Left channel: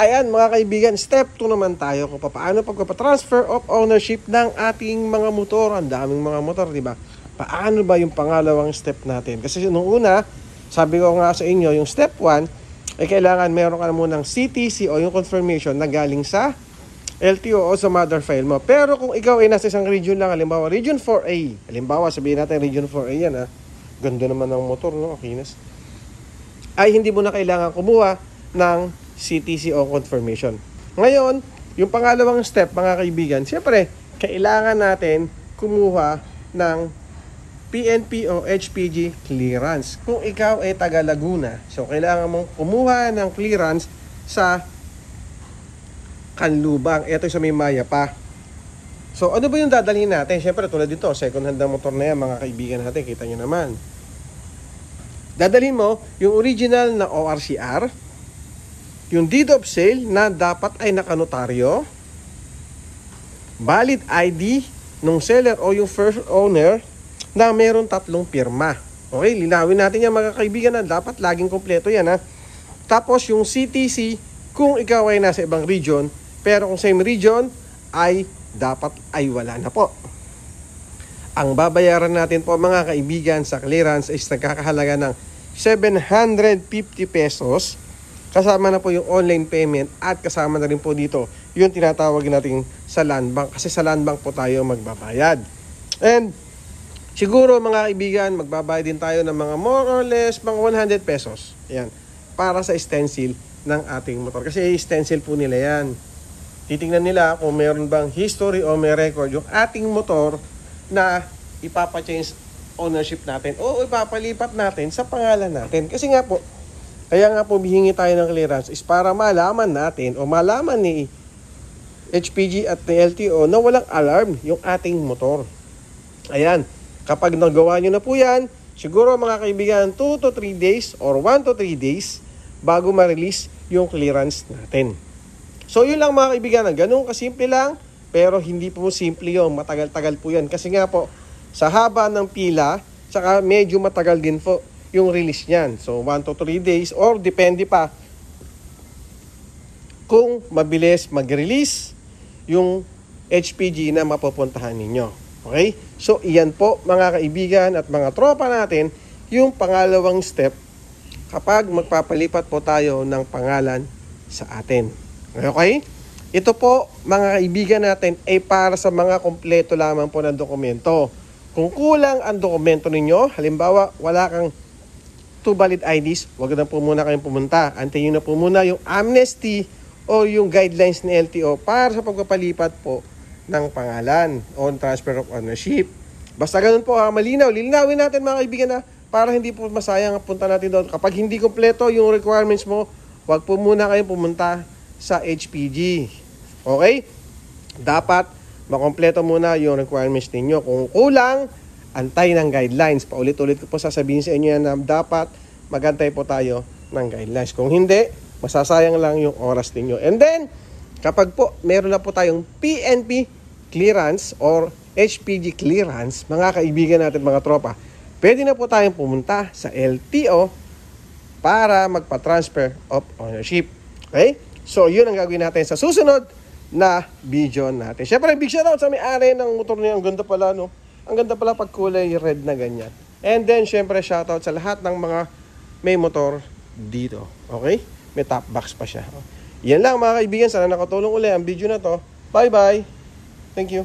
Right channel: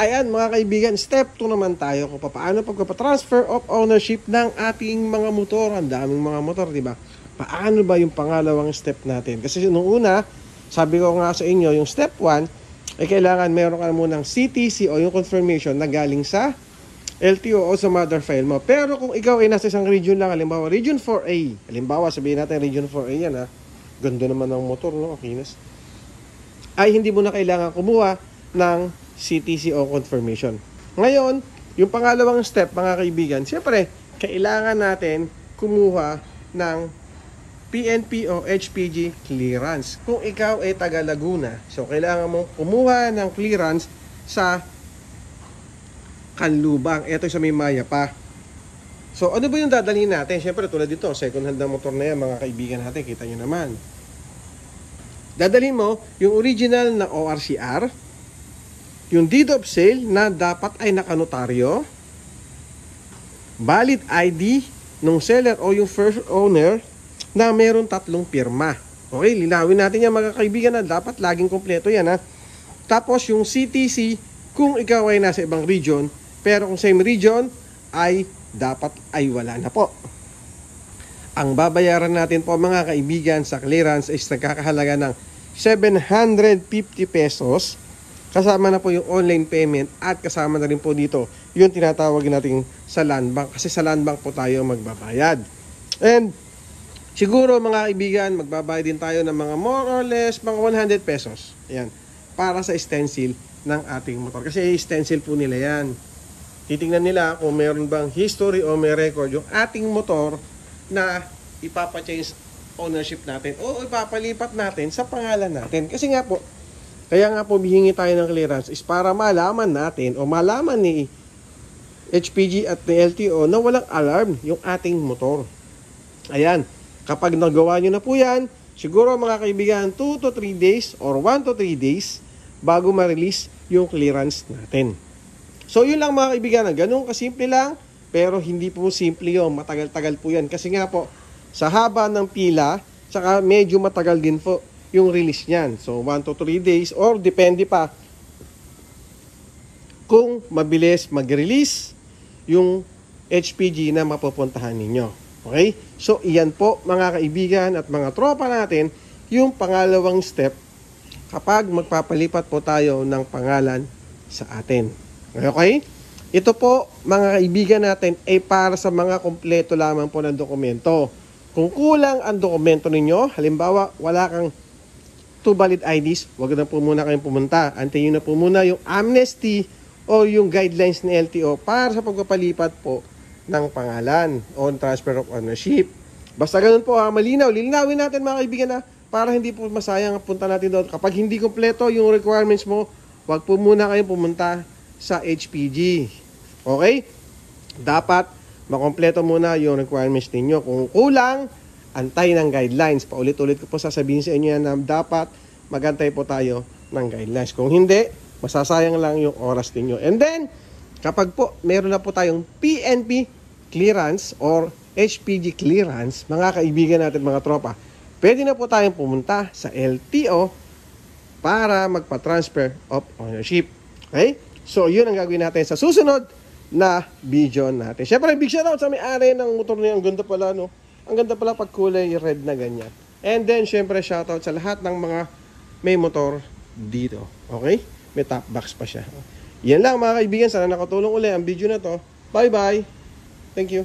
Ayan mga kaibigan, step 2 naman tayo kung paano pagpapatransfer of ownership ng ating mga motor. Ang daming mga motor, di ba? Paano ba yung pangalawang step natin? Kasi nung una, sabi ko nga sa inyo, yung step 1, ay kailangan meron ka munang CTC o yung confirmation na galing sa LTO o sa mother file mo. Pero kung ikaw ay nasa isang region lang, halimbawa region 4A, halimbawa sabihin natin region 4A yan ha, ganda naman ng motor, no? Kinas. Ay hindi mo na kailangan kumuha ng CTC o confirmation. Ngayon, yung pangalawang step mga kaibigan, siyempre, kailangan natin kumuha ng PNP o HPG clearance. Kung ikaw ay taga Laguna, so kailangan mong kumuha ng clearance sa Canlubang. Ito sa may Maya pa. So, ano ba yung dadalhin natin? Siyempre, tulad dito, second hand na motor na yan, mga kaibigan natin, kita nyo naman. Dadalhin mo yung original na ORCR, yung deed of sale na dapat ay nakanotaryo, valid ID ng seller o yung first owner na meron 3 pirma. Okay, linawin natin yan mga kaibigan na dapat laging kompleto yan ha. Tapos yung CTC kung ikaw ay nasa ibang region, pero kung same region ay dapat ay wala na po. Ang babayaran natin po mga kaibigan sa clearance is nagkakahalaga ng 750 pesos. Kasama na po yung online payment at kasama na rin po dito yung tinatawag natin sa land bank. Kasi sa land bank po tayo magbabayad. And siguro mga kaibigan, magbabayad din tayo ng mga more or less mga 100 pesos. Ayan, para sa stencil ng ating motor. Kasi stencil po nila yan. Titingnan nila kung meron bang history o may record yung ating motor na ipapa-change ownership natin o ipapalipat natin sa pangalan natin. Kasi nga po, kaya nga po bihingi tayo ng clearance is para malaman natin o malaman ni HPG at ni LTO na walang alarm yung ating motor. Ayan, kapag nagawa nyo na po yan, siguro mga kaibigan 2 to 3 days or 1 to 3 days bago ma-release yung clearance natin. So yun lang mga kaibigan, ganun kasimple lang, pero hindi po simple yun, matagal-tagal po yan. Kasi nga po, sa haba ng pila, saka medyo matagal din po yung release niyan. So 1 to 3 days or depende pa kung mabilis mag-release yung HPG na mapupuntahan ninyo. Okay? So iyan po mga kaibigan at mga tropa natin yung pangalawang step kapag magpapalipat po tayo ng pangalan sa atin. Okay? Ito po mga kaibigan natin ay para sa mga kompleto lamang po ng dokumento. Kung kulang ang dokumento ninyo, halimbawa wala kang 2 valid IDs, wag na po muna kayong pumunta. Antayin na po muna yung amnesty o yung guidelines ni LTO para sa pagpapalipat po ng pangalan on transfer of ownership. Basta ganun po malinaw. Linawin natin mga kaibigan na para hindi po masayang ang punta natin doon. Kapag hindi kompleto yung requirements mo, wag po muna kayong pumunta sa HPG. Okay? Dapat makompleto muna yung requirements ninyo. Kung kulang, antay ng guidelines. Paulit-ulit ko po sasabihin sa inyo yan na dapat magantay po tayo ng guidelines. Kung hindi, masasayang lang yung oras ninyo. And then, kapag po meron na po tayong PNP clearance or HPG clearance, mga kaibigan natin mga tropa, pwede na po tayong pumunta sa LTO para magpa-transfer of ownership. Okay? So, yun ang gagawin natin sa susunod na video natin. Siyempre, big shoutout sa may-ari ng motor niya. Ang ganda pala, no? Ang ganda pala pag kulay red na ganyan. And then, syempre, shoutout sa lahat ng mga may motor dito. Okay? May top box pa siya. Yan lang mga kaibigan. Sana nakatulong ulit ang video na to. Bye-bye. Thank you.